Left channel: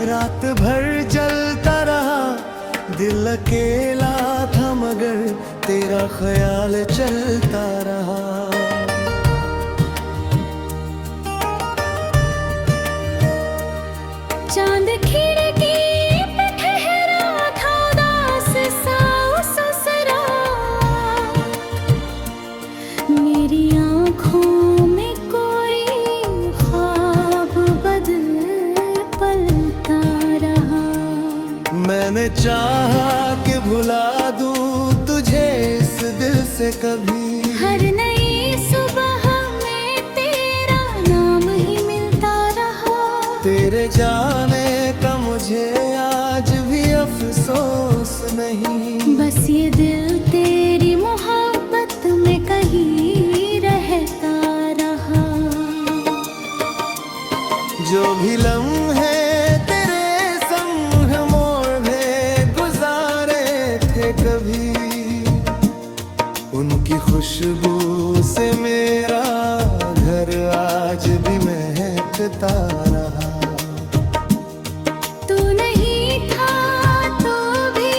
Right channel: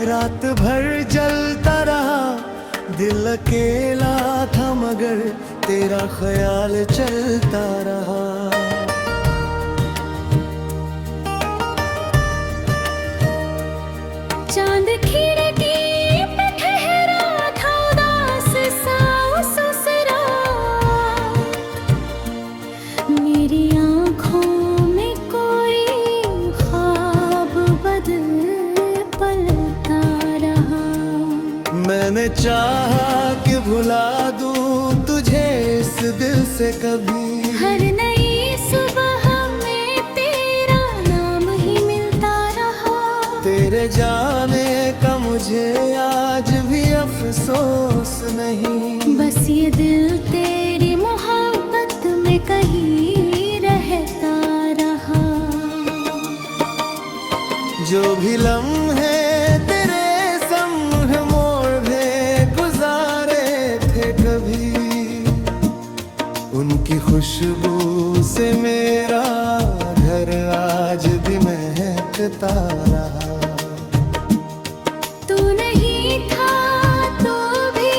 रात भर जलता रहा, दिल अकेला था मगर तेरा ख्याल चलता रहा। चांद खिड़की पे ठहरा था उदास सा ससुरा, मेरी आँखों में कोई ख्वाब बदल पलता रहा। मैंने चाहा कि भुला दूं तुझे इस दिल से कभी, हर नई सुबह में तेरा नाम ही मिलता रहा। तेरे जाने का मुझे आज भी अफसोस नहीं, बस ये दिल तेरी मोहब्बत में कहीं रहता रहा। जो भी लम्हे तेरे संग मोड़ में गुजारे थे कभी, उनकी खुशबू से मेरा घर आज भी महकता रहा। तू नहीं था तो भी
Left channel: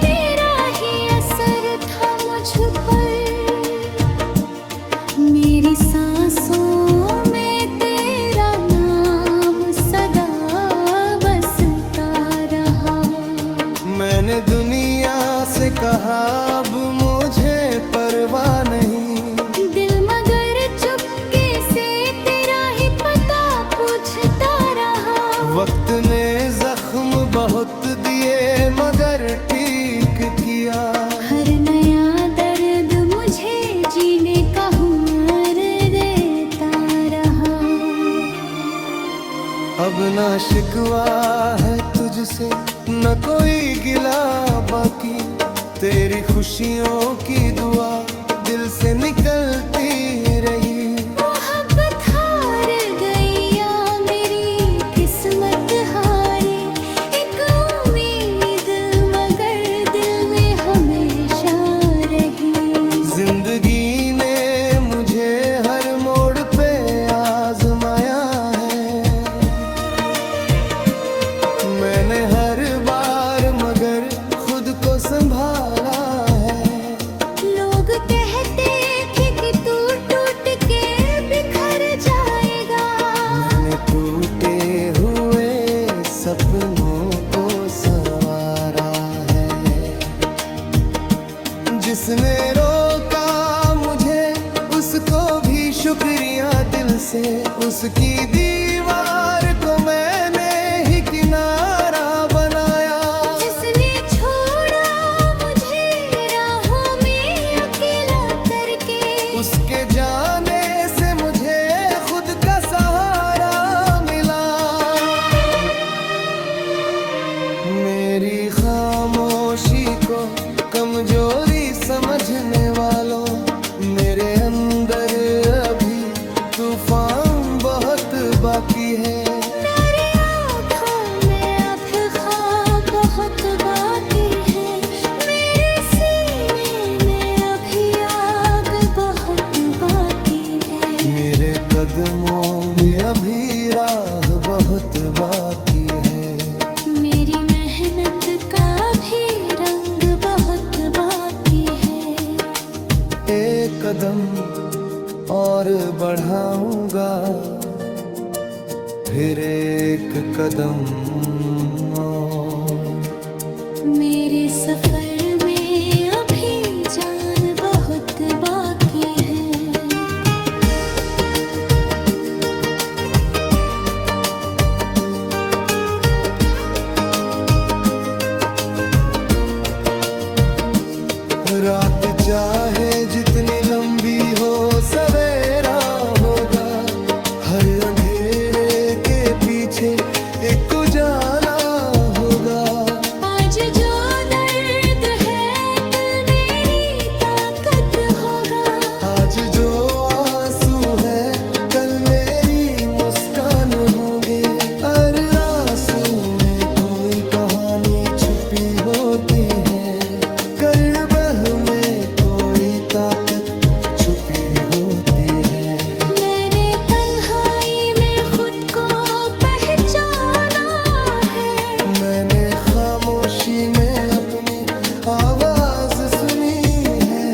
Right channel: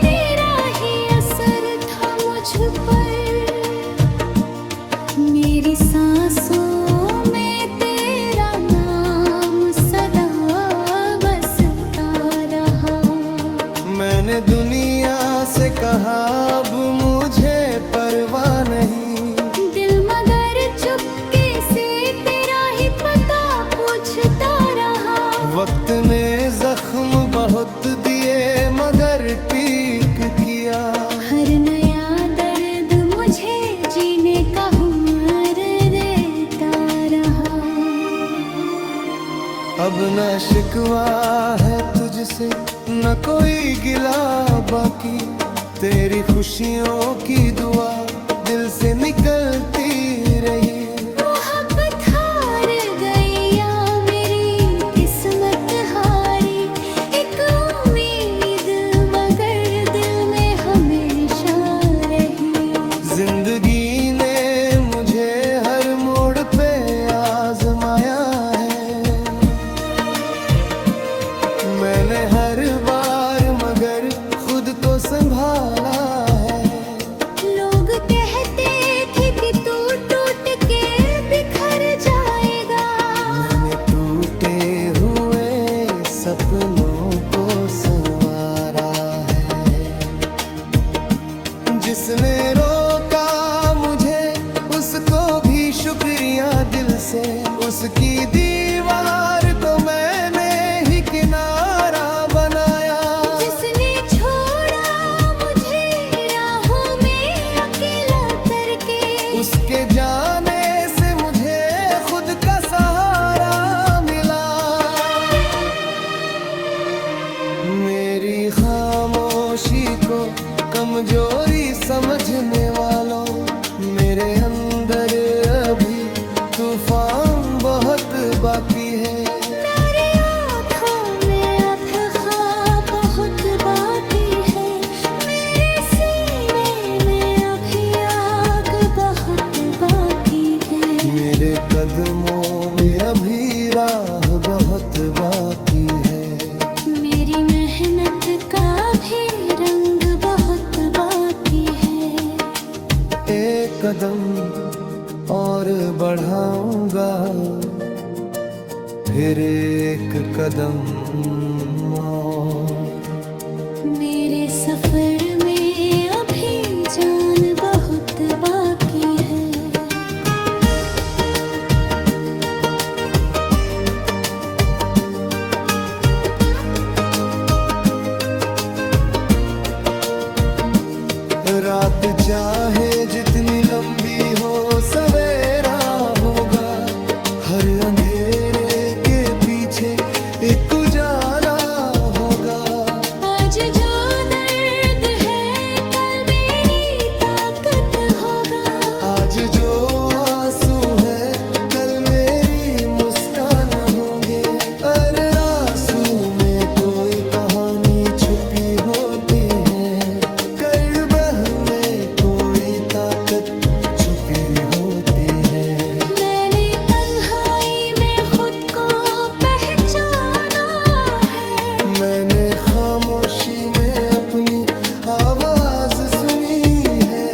तेरा ही असर था मुझ पर, मेरी सांसों में तेरा नाम सदा बसता रहा। मैंने दुनिया से कहा अब मुझे परवाह नहीं, दिल मगर चुपके से तेरा ही पता पूछता रहा। वक्त ने जख्म बहुत दिए मगर ठीक किया, हर नया दर्द मुझे जीने का हुनर देता रहा। अब ना शिकवा है तुझसे न कोई गिला बाकी, तेरी खुशियों की दुआ दिल से निकलती रही। मोहब्बत हार गई या मेरी किस्मत हारी, एक उम्मीद मगर दिल में हमेशा रही। जिंदगी ने मुझे हर मोड़ पे आजमाया है, मैंने हर बार मगर खुद को संभाला है। लोग कहते थे कि तू टूट के बिखर जाएगा, मैंने टूटे हुए सपनों को संवारा है। जिसने रोका मुझे उसको भी शुक्रिया दिल से, उसकी दीवार को मैंने ही किनारा बनाया। जिसने छोड़ा मुझे राहों में अकेला करके, उसके जाने से मुझे खुद का सहारा मिला। मेरी खामोशी को कमजोरी समझने वालों, मेरे अंदर अभी तूफान बहुत बाकी है। मेरी आँखों में अब ख्वाब बहुत बाकी है, मेरे सीने में अभी आग बहुत बाकी है। मेरे कदमों में अभी राह बहुत बाकी है, मेरी मेहनत का भी रंग बहुत बाकी है। एक कदम और बढ़ाऊंगा, फिर एक कदम और। मेरे सफर में अभी जान बहुत बाकी है। रात चाहे जितनी लंबी हो सवेरा होगा, हर अंधेरे के पीछे एक उजाला होगा। आज जो दर्द है कल मेरी ताकत होगा, आज जो आंसू है कल मेरी मुस्कान होंगे। हर आंसू में कोई कहानी छुपी होती है, करबह में कोई ताकत छुपी होती है। मैंने तन्हाई में खुद को पहचाना खामोशी में अपनी आवाज सुनी है।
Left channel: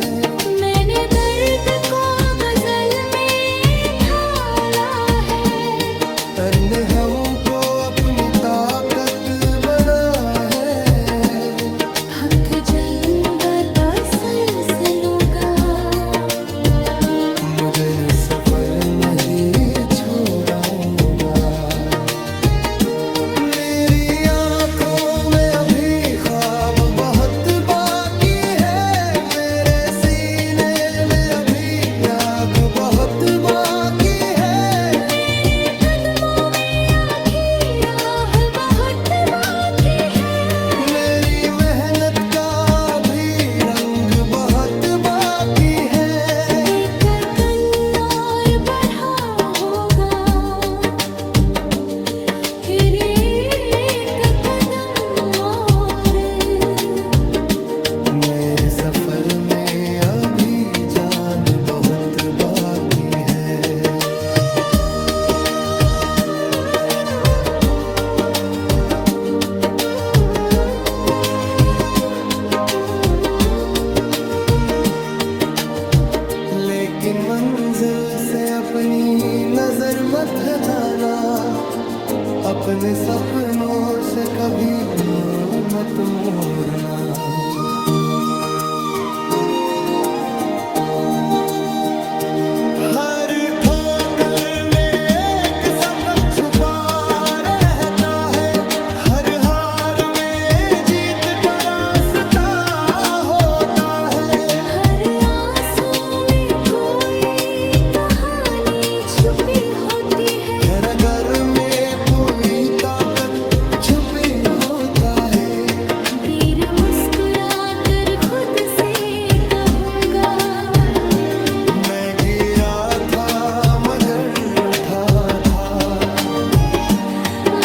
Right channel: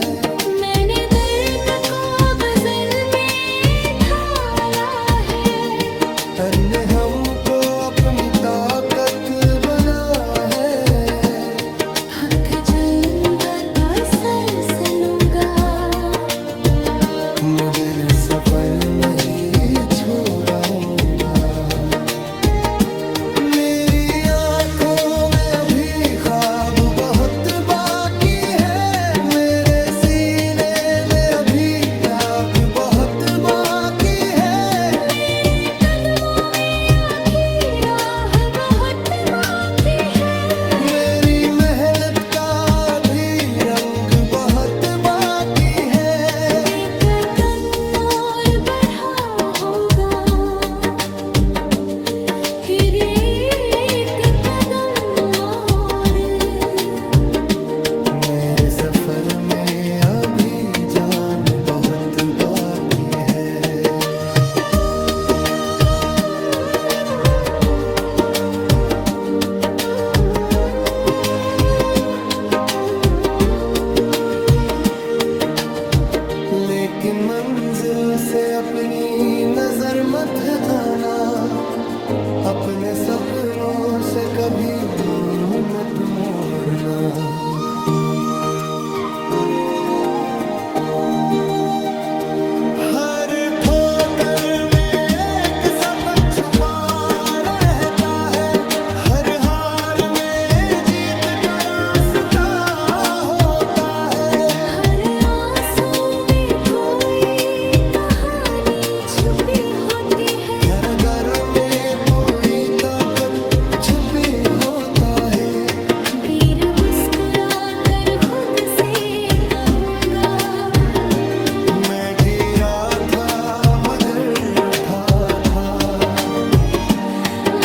मैंने दर्द को गजल में ढाला है। अन्य हमको अपनी ताकत बना है। हक जाऊंगा तसर से लूंगा, मुझे सफर नहीं छोड़ाऊंगा। मेरी आंखों में अभी ख्वाब बहुत बाकी है। मेरे सीने में अभी आग बहुत बाकी है। मेरे कदमों में आखिरी राह बहुत बाकी है। मेरी मेहनत का भी रंग बहुत बाकी है। लेकर कन्नौर बढ़ा होगा, फिर एक कदम और। मेरे सफर में अभी जान बहुत बाकी है। लेकिन मंजिल से अपनी नजर मत हटाना। अपने सपनों से कभी मुंह मत मोड़ना। हर ठोकर में एक सबक छुपा रहता है। हर हार में जीत का रास्ता होता है। हर आंसू में कोई कहानी छुपी होती है। हर घर में पूरी ताकत छुपी होता है। वीर मुस्कुरा कर खुद से कहूँगा, मैं गिरा था मगर उठा था।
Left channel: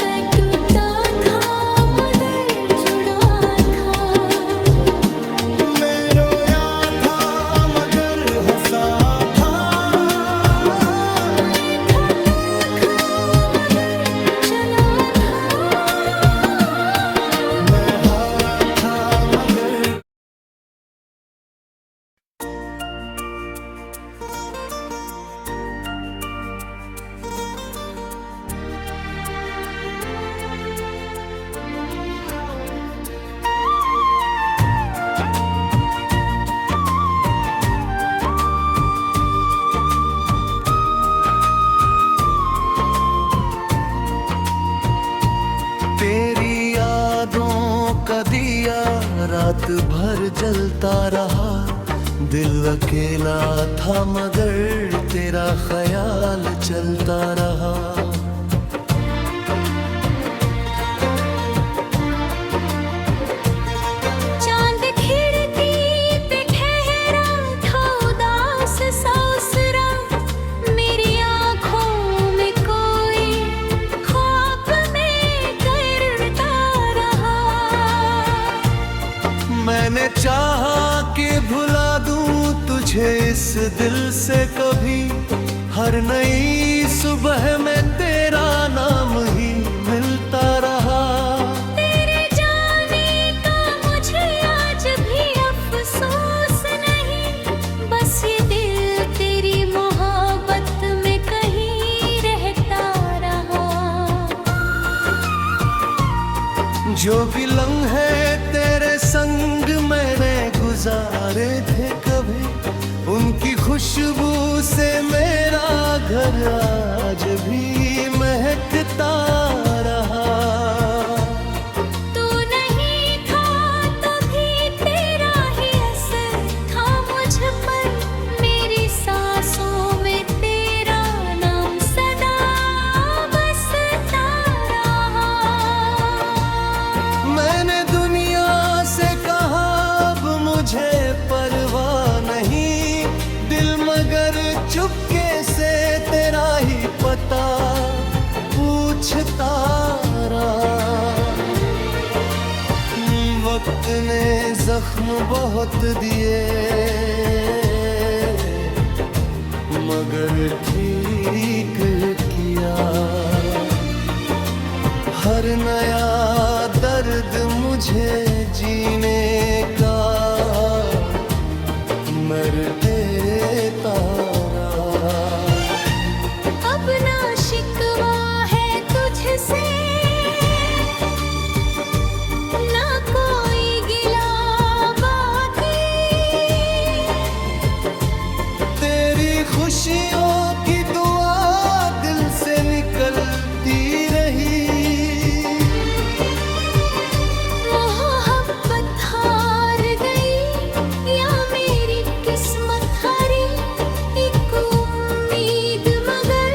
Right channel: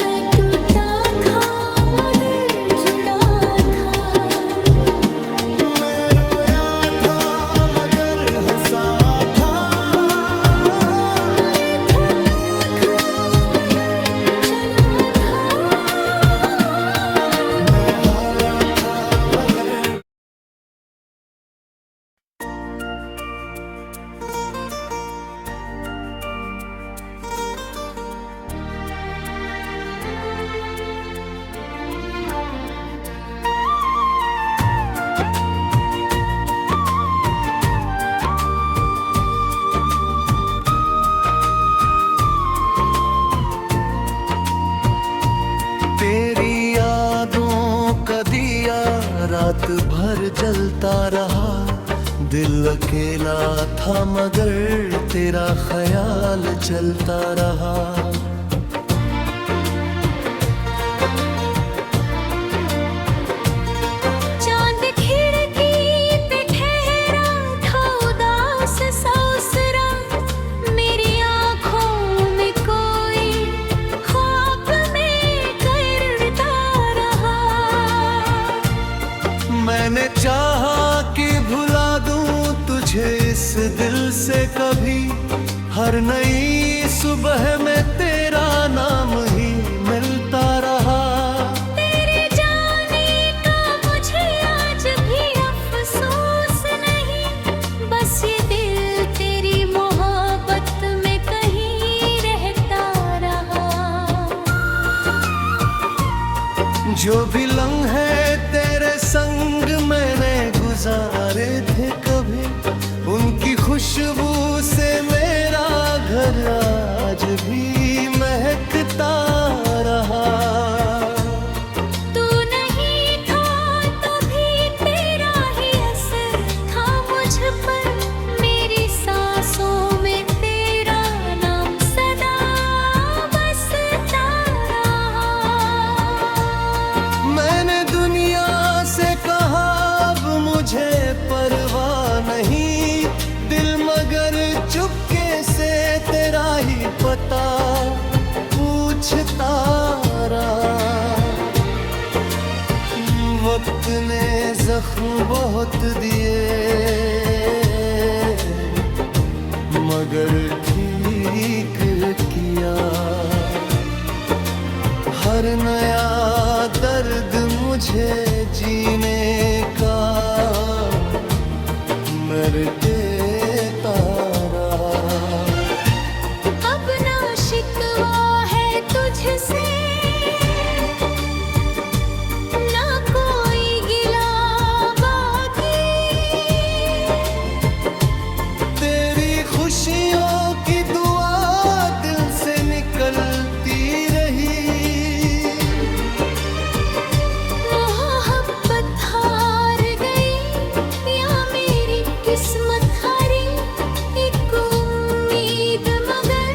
मैं टूटा था मगर जुड़ा था। मैं रोया था मगर हंसा था। मैं थका था मगर चला था। मैं हारा था मगर तेरी यादों का दिया रात भर जलता रहा। दिल अकेला था मगर तेरा ख्याल चलता रहा। चांद खिड़की पे ठहरा था उदास सा उस रात। मेरी आँखों में कोई ख्वाब में करता रहा। मैंने चाहा कि भुला दूं तुझे इस दिल से कभी। हर नई सुबह में तेरा नाम ही मिलता रहा। तेरे जाने का मुझे आज भी अफसोस नहीं। बस ये दिल तेरी मोहब्बत में कहीं रहता रहा। जो भी लम्हे तेरे संग मैंने गुजारे थे कभी, उनकी खुशबू से मेरा घर आज भी महकता रहा। तू नहीं था तो भी तेरा ही असर था मुझ पर। मेरी सांसों में तेरा नाम सदा बसता रहा। मैंने दुनिया से कहा अब मुझे परवाह नहीं। दिल मगर चुपके से तेरा ही पता पूछता रहा। वक्त ने जख्म बहुत दिए मगर ठीक किया। हर नया दर्द मुझे जीने का मर देता रहा। अब ना शिकवा है तुझसे, ना कोई गिला बाकी। तेरी खुशियों की दुआ दिल से निकलती रही। मोहब्बत हार गई या मेरी किस्मत हारी, एक उम्मीद मगर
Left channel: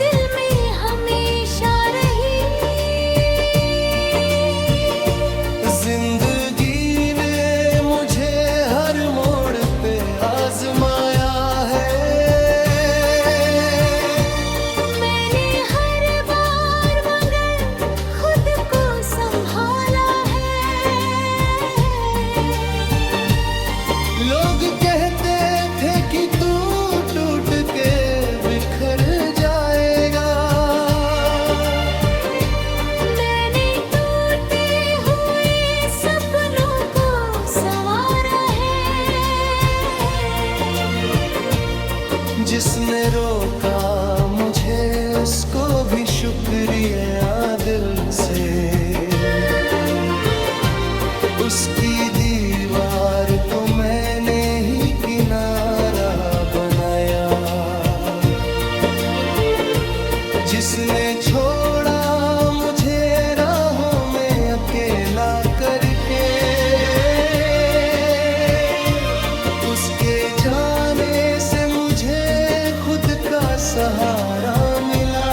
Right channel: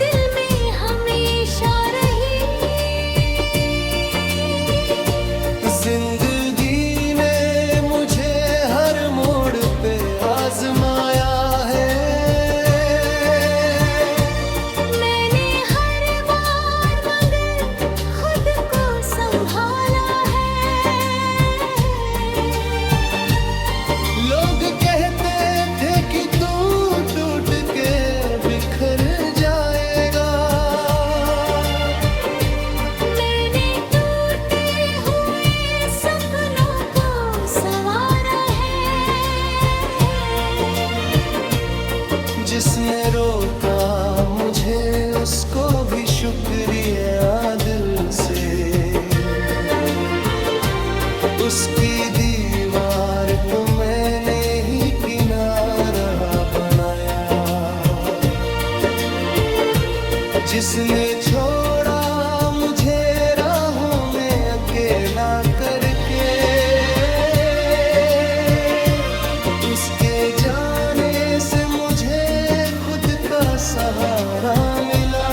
दिल में हमेशा रही। जिंदगी ने मुझे हर मोड़ पे आजमाया है। मैंने हर बार मगर खुद को संभाला है। लोग कहते थे कि तू टूट के बिखर जाएगा। मैंने टूटे हुए सपनों को संवारा है। जिसने रोका मुझे उसको भी शुक्रिया दिल से। उसकी दीवार को मैंने ही किनारा बनाया। जिसने छोड़ा मुझे राहों में अकेला करके, उसके जाने से मुझे खुद का सहारा मिला।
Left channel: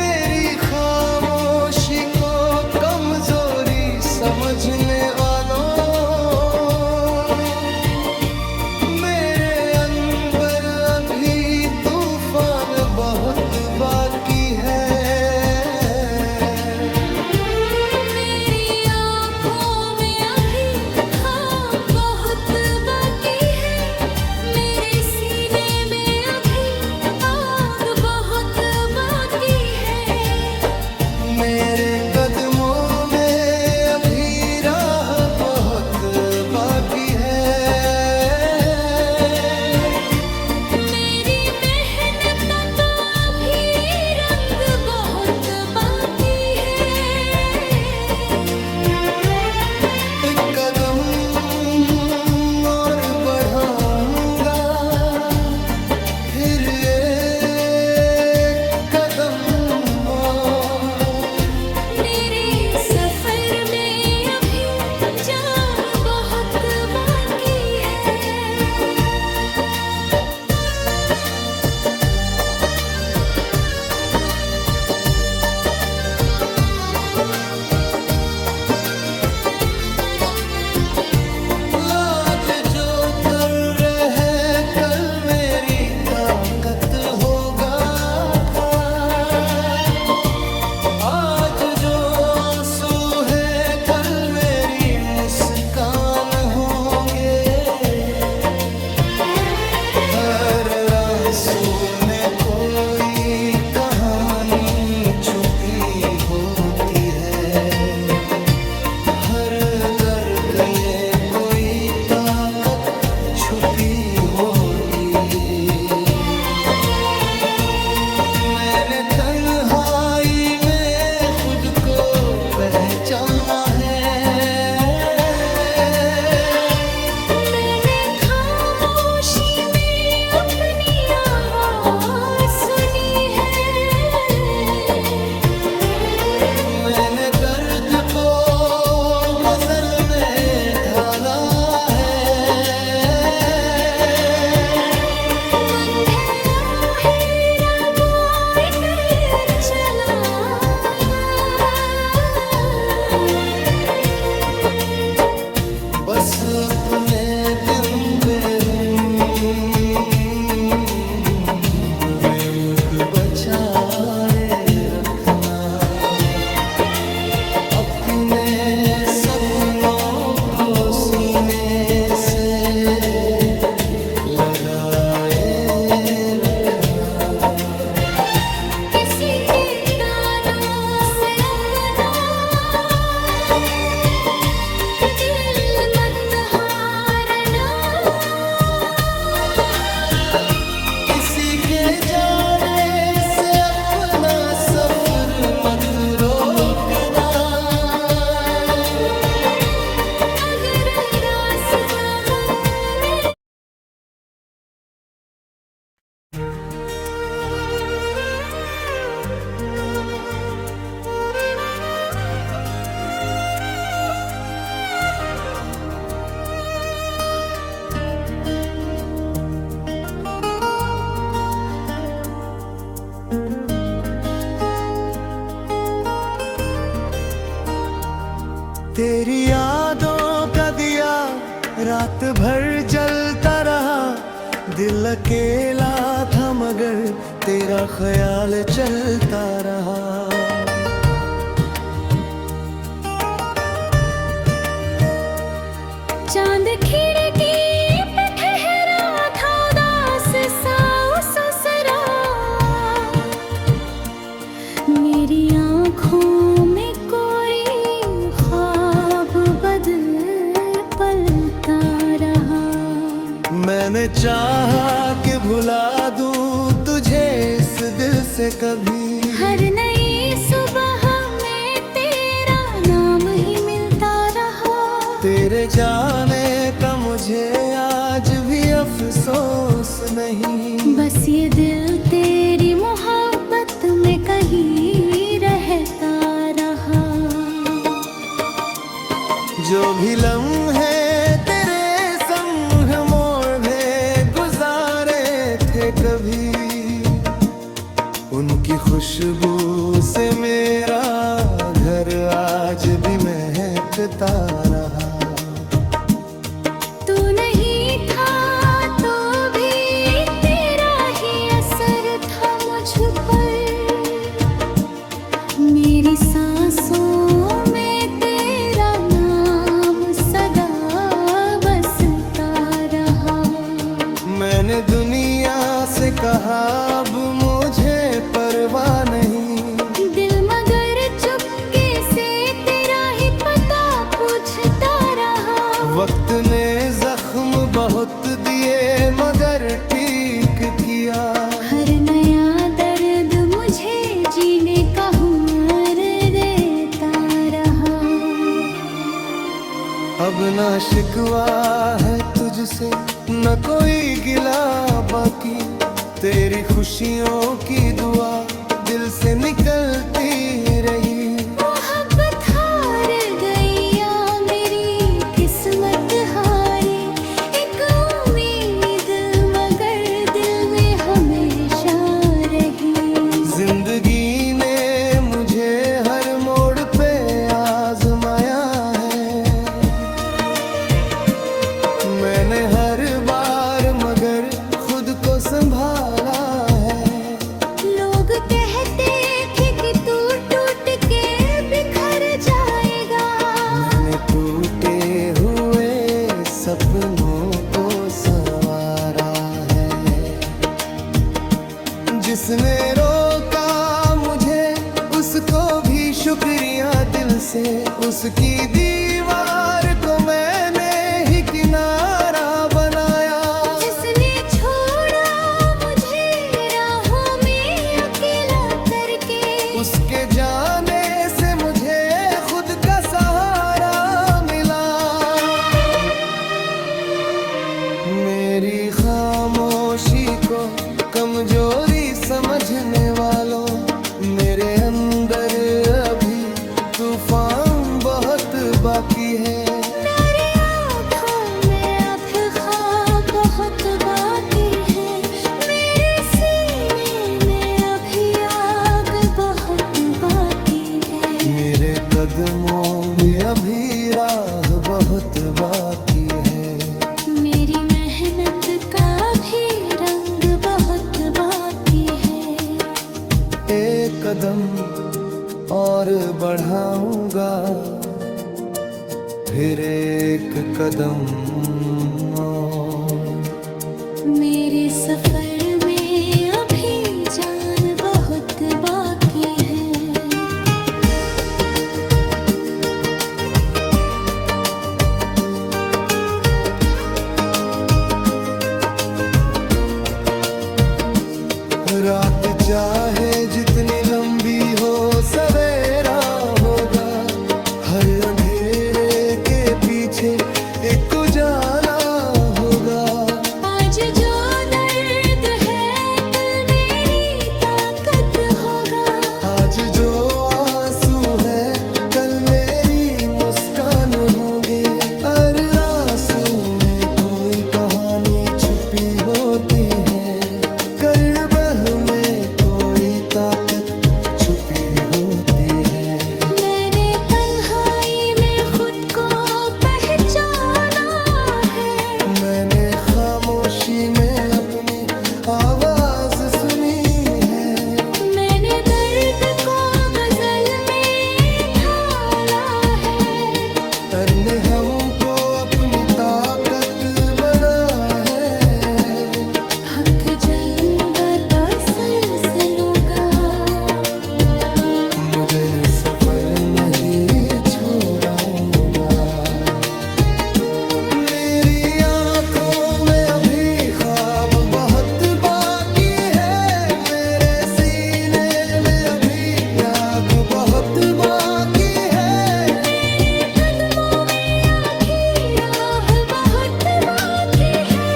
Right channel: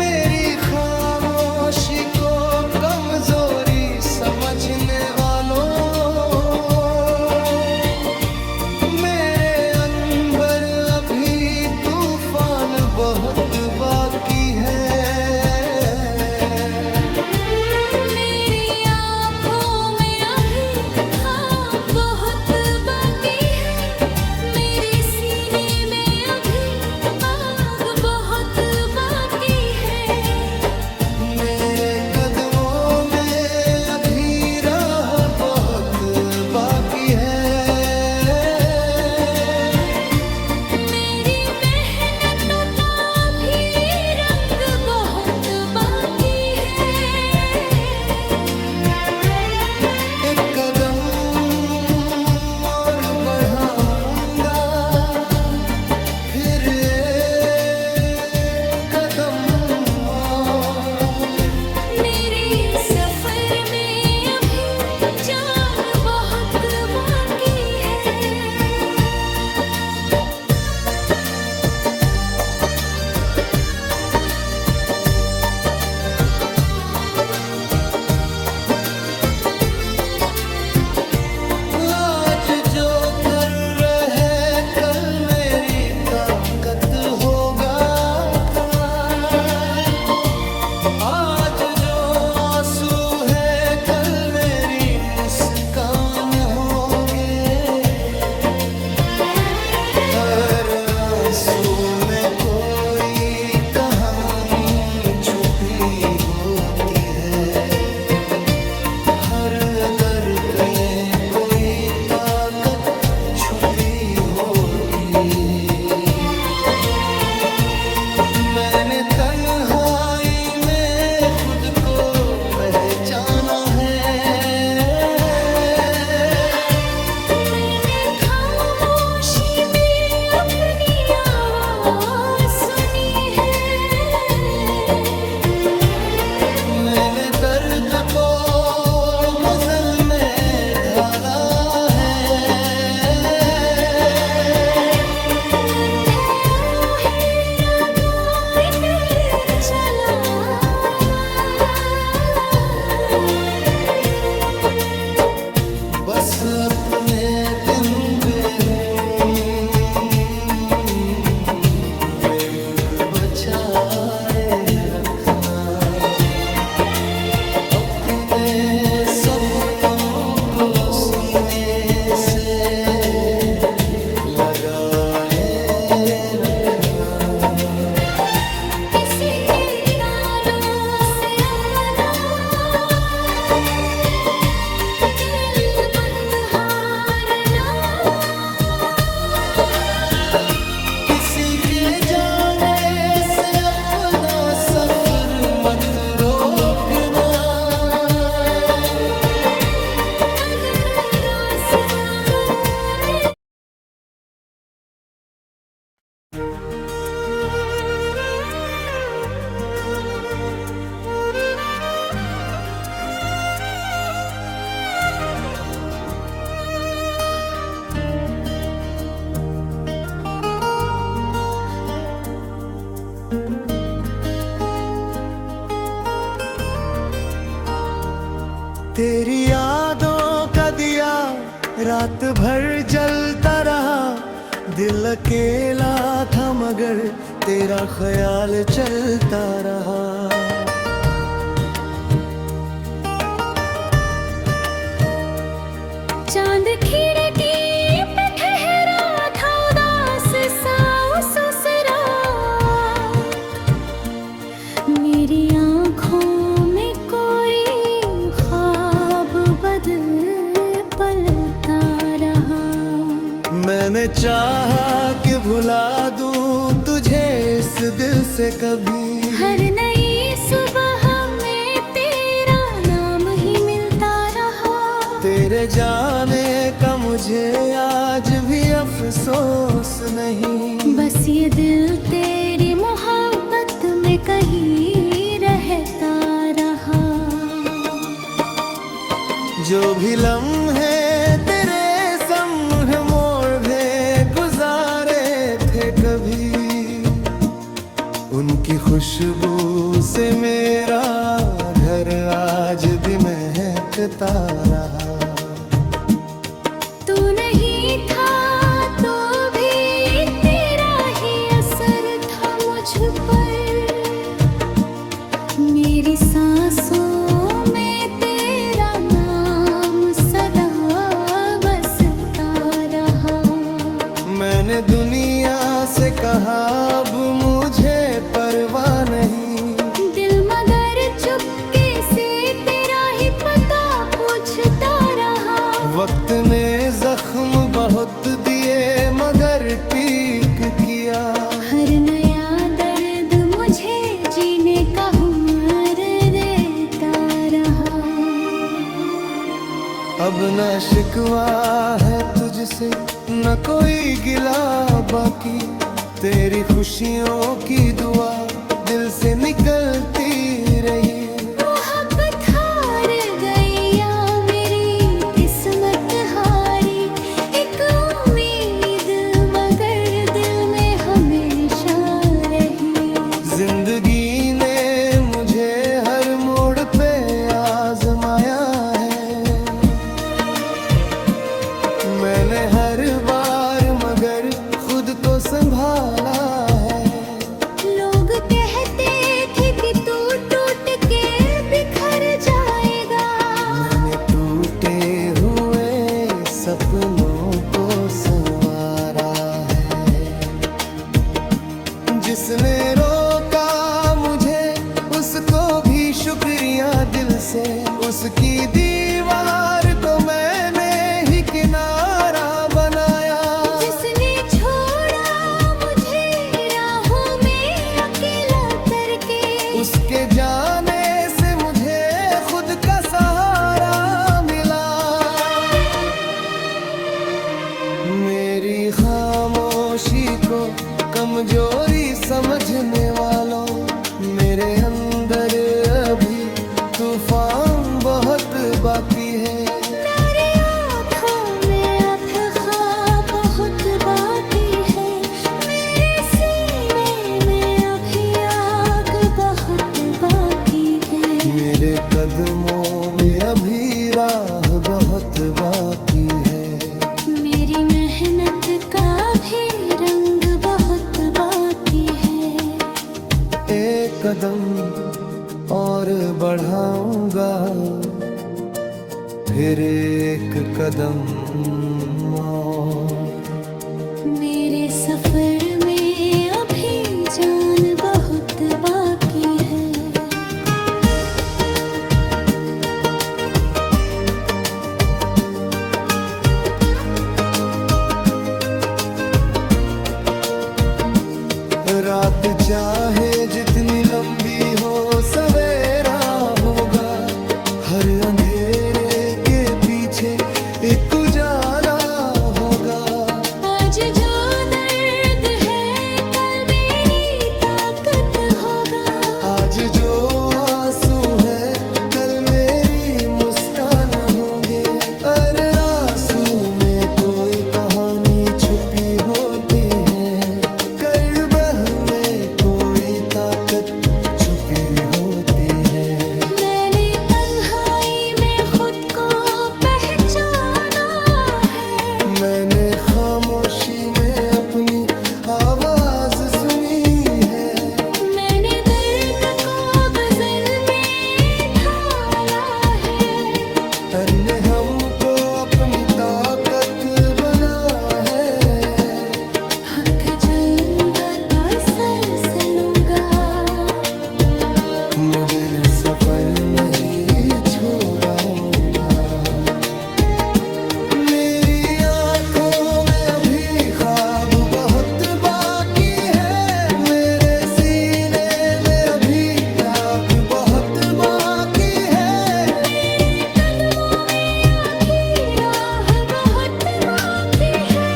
मेरी खामोशी को कमजोरी समझने वालों, मेरे अंदर अभी तूफान बहुत बाकी है। मेरी आँखों में अभी हाँ बहुत बाकी है। मेरे सीने में अभी आग बहुत बाकी है। मेरे कदमों में अभी राह बहुत बाकी है। मेरी मेहनत का भी रंग बहुत बाकी है। एक कदम और बढ़ाऊंगा, फिर एक कदम और। मेरे सफर में अभी जान बहुत बाकी है। आज जो कर रहे कल मेरी ताकत होगा। आज जो आंसू है कल मेरी मुस्कान होंगे। हर आंसू में कोई कहानी छुपी होती है। हर दर्द में कोई ताकत छुपी होती। मैंने तन्हाई में खुद को पहचाना है। मैंने खामोशी में अपनी आवाज सुनी है। मैंने दर्द को गजल में ढाला है। बस अपने दिन पे बेमुख बचारे रखना। अपने अपने सपनों को सीने से लगाए रखना। किसी के तानों से अपना दिल मत हारना। किसी के जाने से अपना सफर मत रोकना। अगर रास्ता बन में तेरी यादों का दिया रात भर जलता रहा। दिल अकेला था मगर तेरा ख्याल चलता रहा। चांद खिड़की पे ठहरा था उदास सा उस रात। मेरी आँखों में कोई ख्वाब बदल पलता रहा। मैंने चाहा कि भुला दूं तुझे इस दिल से कभी। हर नई सुबह में तेरा नाम ही मिलता रहा। तेरे जाने का मुझे आज भी अफसोस नहीं। बस ये दिल तेरी मोहब्बत में कहीं रहता रहा। जो भी लम्हे तेरे संग मोड़ में गुजारे थे कभी, उनकी खुशबू से मेरा घर आज भी महकता रहा। तू नहीं था तो भी तेरा ही असर था मुझ पर। मेरी सांसों में तेरा नाम सदा बसता रहा। मैंने दुनिया से कहा अब मुझे परवाह नहीं। दिल मगर चुपके से तेरा ही पता पूछता रहा। वक्त ने जख्म बहुत दिए मगर ठीक किया। हर नया दर्द मुझे जीने का हुनर देता रहा। अब ना शिकवा है तुझसे न कोई गिला बाकी। तेरी खुशियों की दुआ दिल से निकलती रही। मोहब्बत हार गई या मेरी किस्मत हारी। एक उम्मीद मगर दिल में हमेशा रही। जिंदगी ने मुझे हर मोड़ पे आजमाया है। मैंने हर बार मगर खुद को संभाला है। लोग कहते थे कि तू टूट के बिखर जाएगा। मैंने टूटे हुए सपनों को संवारा है। जिसने रोका मुझे उसको भी शुक्रिया दिल से। उसकी दीवार को मैंने ही किनारा बनाया। जिसने छोड़ा मुझे राहों में अकेला करके। उसके जाने से मुझे खुद का सहारा मिला। मेरी खामोशी को कमजोरी समझने वालों, मेरे अंदर अभी तूफान बहुत बाकी है। मेरी आँखों में अब ख्वाब बहुत बाकी है। मेरे सीने में अभी आग बहुत बाकी है। मेरे कदमों में अभी राह बहुत बाकी है। मेरी मेहनत का भी रंग बहुत बाकी है। एक कदम और बढ़ाऊंगा फिर एक कदम और। मेरे सफर में अभी जान बहुत बाकी है। रात चाहे जितनी लंबी हो सवेरा होगा, हर अंधेरे के पीछे एक उजाला होगा। आज जो दर्द है कल मेरी ताकत होगा। आज जो आंसू है कल मेरी मुस्कान होंगे। हर आंसू में कोई कहानी छुपी होती है, करबह में कोई ताकत छुपी होती है। मैंने तन्हाई में खुद को पहचाना है। मैंने खामोशी में अपनी आवाज सुनी है। मैंने दर्द को गजल में ढाला है। हर ने हमको अपनी ताकत बना है। हक जाऊंगा तो सर से लूंगा। मुझे सफर नहीं छोड़ाऊंगा। मेरी आंखों में अभी ख्वाब बहुत बाकी है। मेरे सीने में अभी आग बहुत बाकी है। मेरे कदमों में आखिरी राह बहुत बाकी है।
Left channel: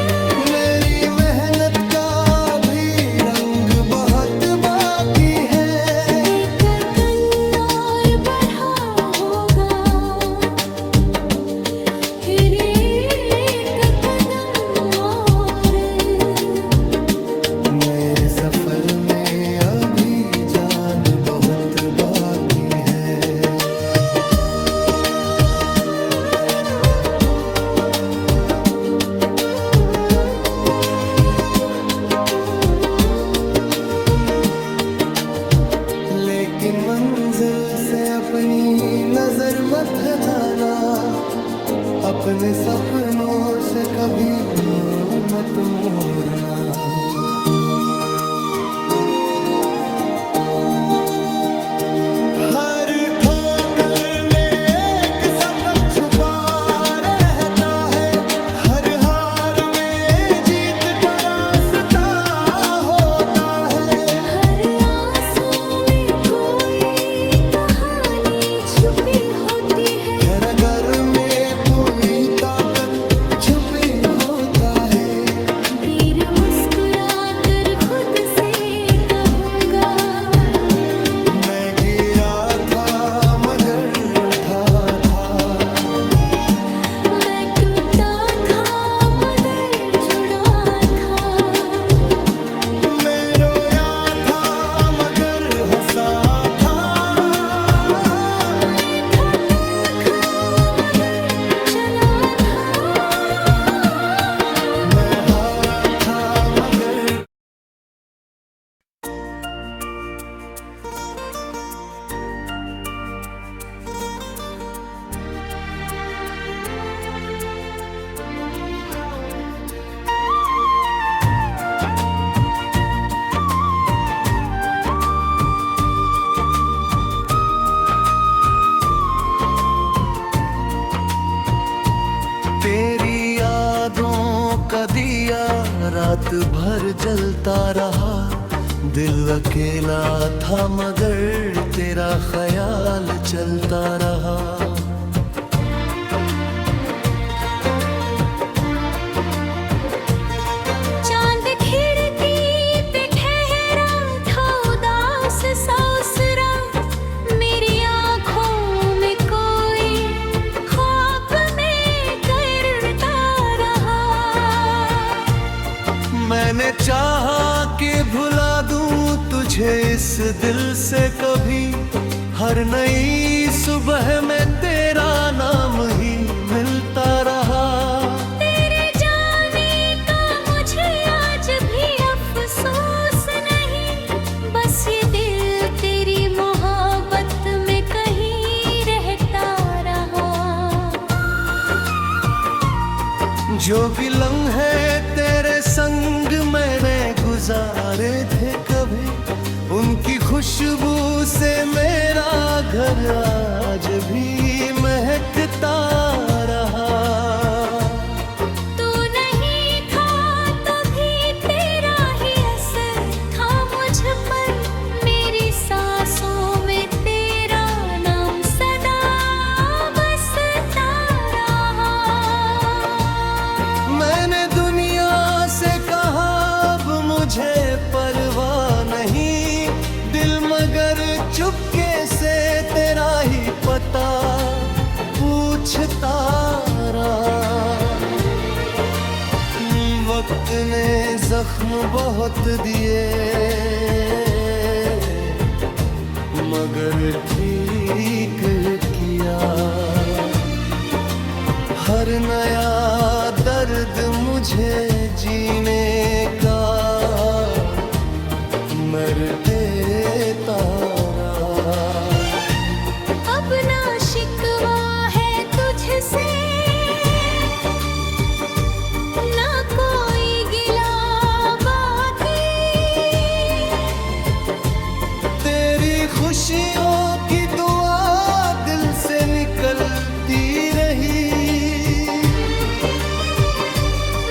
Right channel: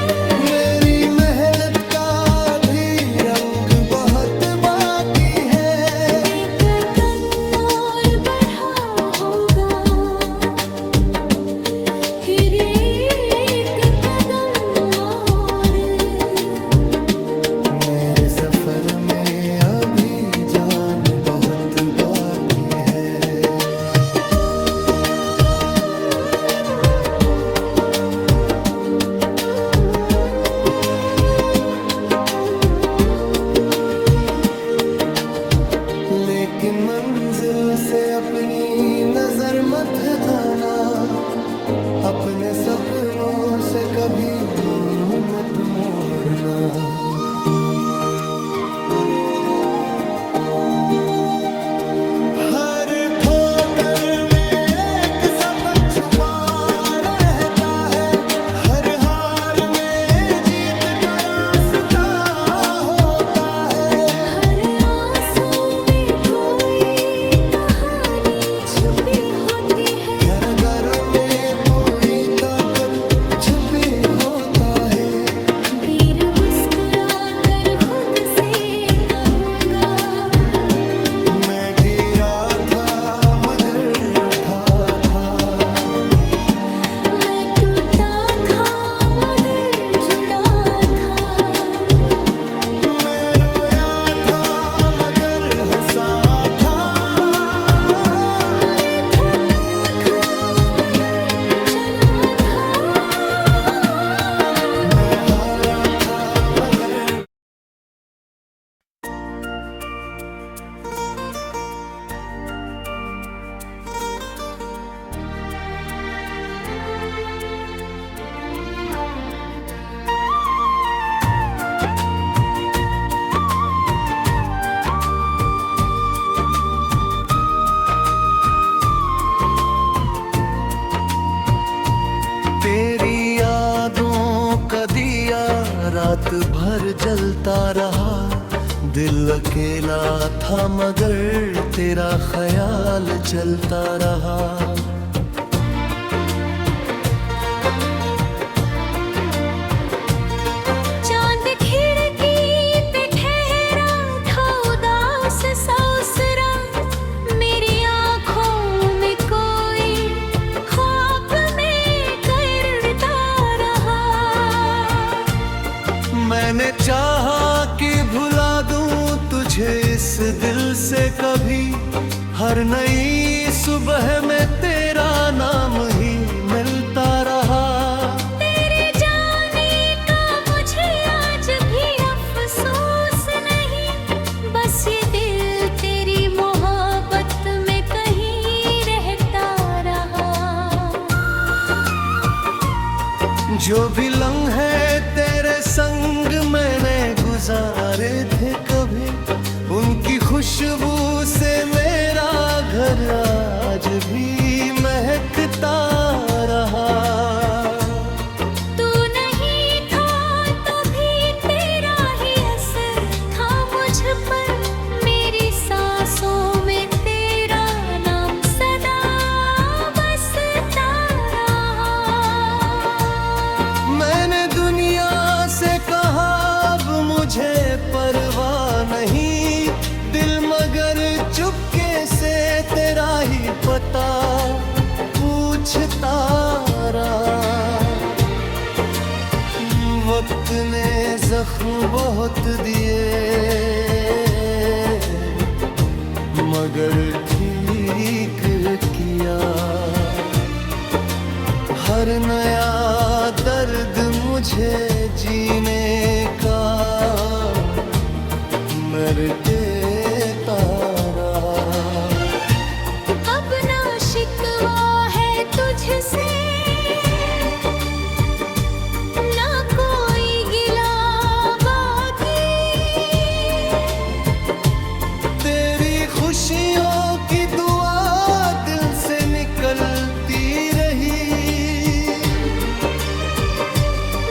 मेरी मेहनत का भी रंग बहुत बाकी है। कदम और बढ़ा होगा फिर एक कदम और। मेरे सफर में अभी जान बहुत बाकी है। लेकिन मंजिल से अपनी नजर मत हटाना। अपने सपनों से कभी मुंह मत मोड़ना। हर ठोकर में एक सबक छुपा रहता है। हर हार में जीत का रास्ता होता है। हर आंसू में कोई कहानी छुपी होती है। हर घर में पूरी ताकत छुपी होता है। फिर मुस्कुरा कर खुद से कहूँगा, मैं गिरा था मगर उठा था। मैं टूटा था मगर जुड़ा था। मैं रोया था मगर हंसा था। मैं थका था मगर चला था। मैं हारा था मगर तेरी यादों का दिया रात भर जलता रहा। दिल अकेला था मगर तेरा ख्याल चलता रहा। चांद खिड़की पे ठहरा था उदास सा उस रात। मेरी आँखों में कोई ख्वाब में करता रहा। मैंने चाहा कि भुला दूं तुझे इस दिल से कभी। हर नई सुबह में तेरा नाम ही मिलता रहा। तेरे जाने का मुझे आज भी अफसोस नहीं। बस ये दिल तेरी मोहब्बत जो भी लम्हे तेरे संग मैंने गुजारे थे कभी, उनकी खुशबू से मेरा घर आज भी महकता रहा। तू नहीं था तो भी तेरा ही असर था मुझ पर, मेरी सांसों में तेरा नाम सदा बसता रहा। मैंने दुनिया से कहा अब मुझे परवाह नहीं, दिल मगर चुपके से तेरा ही पता पूछता रहा। वक्त ने जख्म बहुत दिए मगर ठीक किया, हर नया दर्द मुझे जीने का मर देता रहा। अब ना शिकवा है तुझसे, ना कोई गिला बाकी, तेरी खुशियों की दुआ दिल से निकलती रही।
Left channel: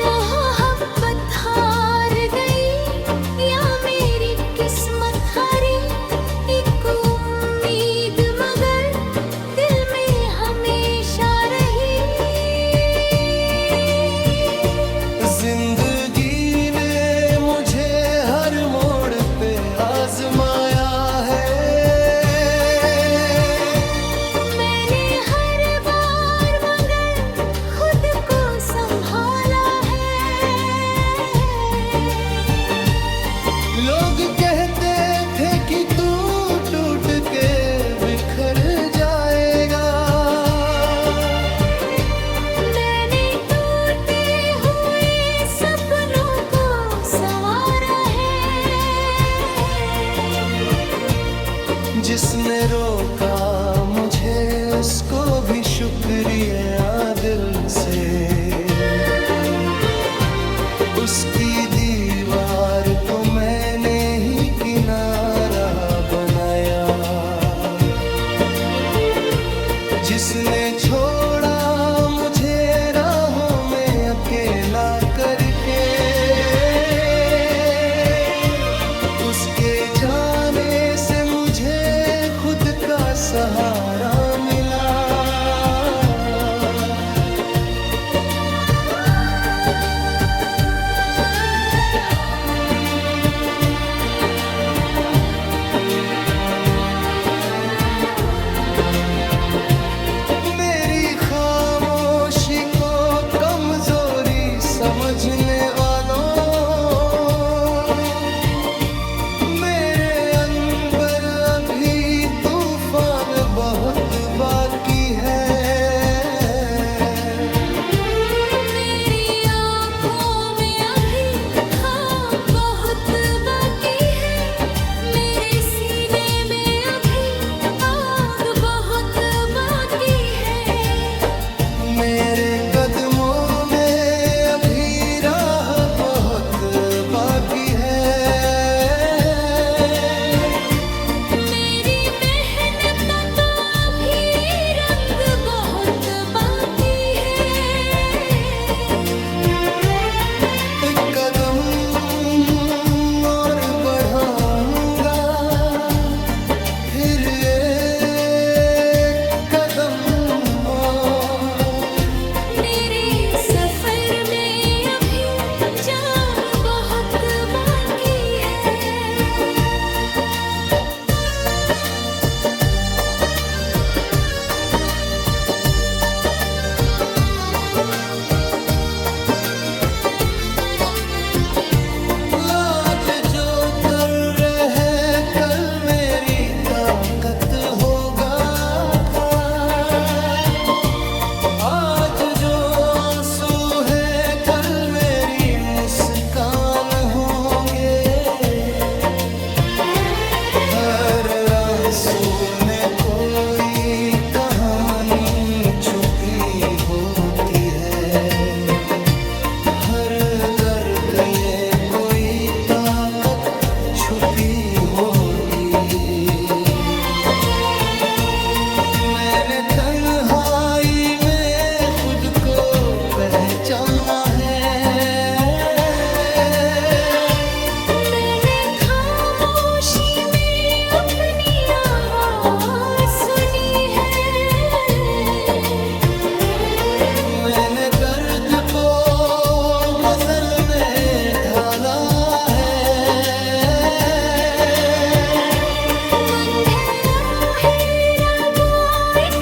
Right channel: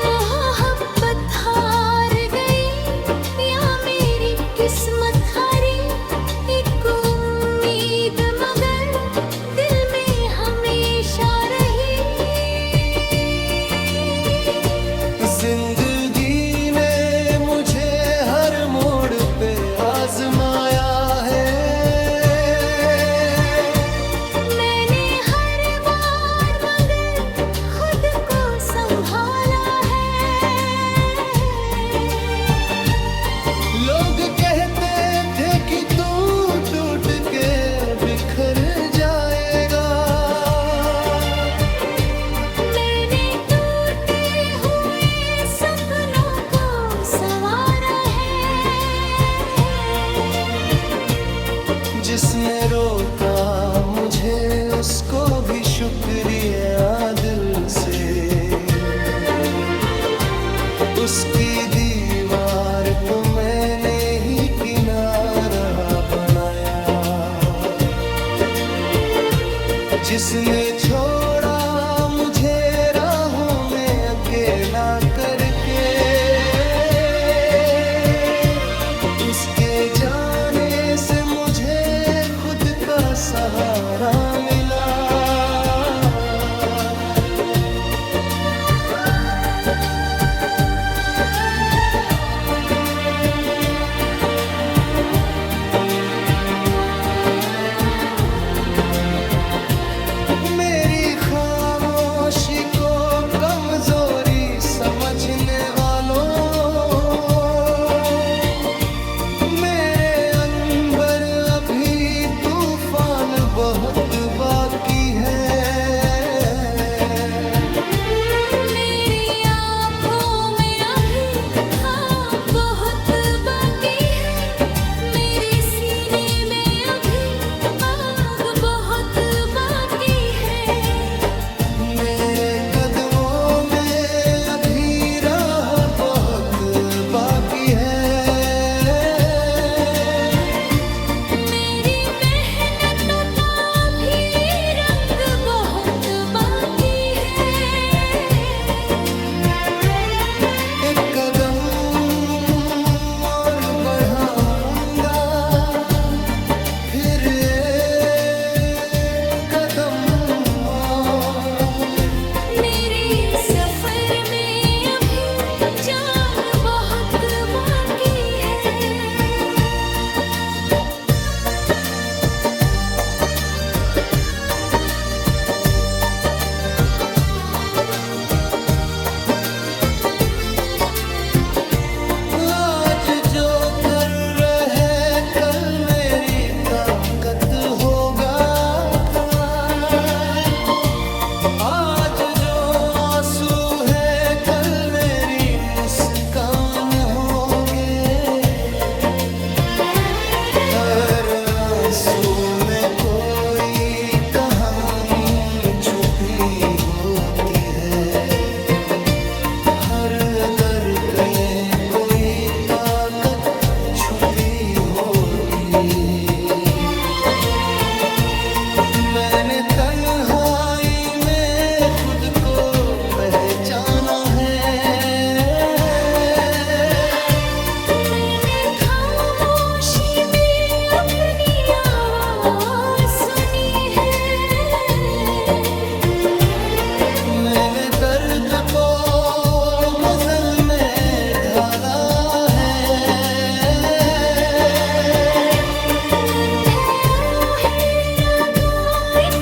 मोहब्बत हार गई या मेरी किस्मत हारी, एक उम्मीद मगर दिल में हमेशा रही। जिंदगी ने मुझे हर मोड़ पे आजमाया है, मैंने हर बार मगर खुद को संभाला है। लोग कहते थे कि तू टूट के बिखर जाएगा, मैंने टूटे हुए सपनों को संवारा है। जिसने रोका मुझे उसको भी शुक्रिया दिल से, उसकी दीवार को मैंने ही किनारा बनाया। जिसने छोड़ा मुझे राहों में अकेला करके, उसके जाने से मुझे खुद का सहारा मिला। मेरी खामोशी को कमजोरी समझने वालों, मेरे अंदर अभी तूफान बहुत बाकी है। मेरी आँखों में अभी हाँ बहुत बाकी है, मेरे सीने में अभी आग बहुत बाकी है। मेरे कदमों में अभी राह बहुत बाकी है। मेरी मेहनत का भी हर दर्द में कोई ताकत छुपी होती। मैंने तन्हाई में खुद को पहचाना है। मैंने खामोशी में अपनी आवाज़ सुनी है। मैंने दर्द को गजल में ढाला है। मन है हीरा बांट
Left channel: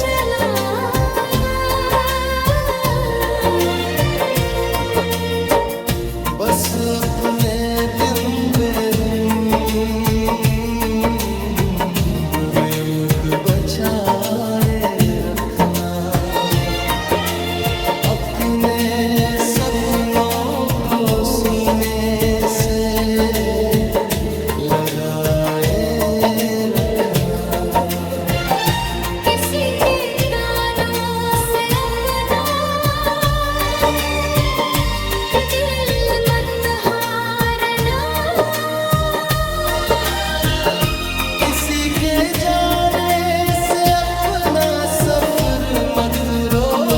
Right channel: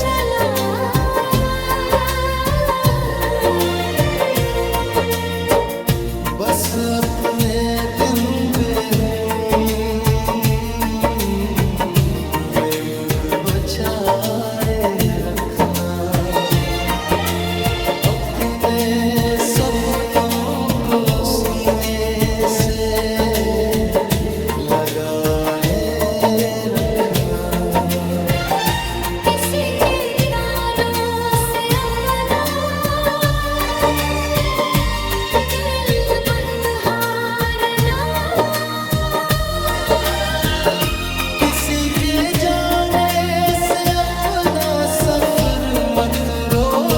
चला बस अपने दिन बेमुख बचारे रखना। अपने सपनों को सीने से लगाए रखना। किसी के तानों से अपना दिल मत हारना। किसी के जाने से अपना सफर मत रोकना।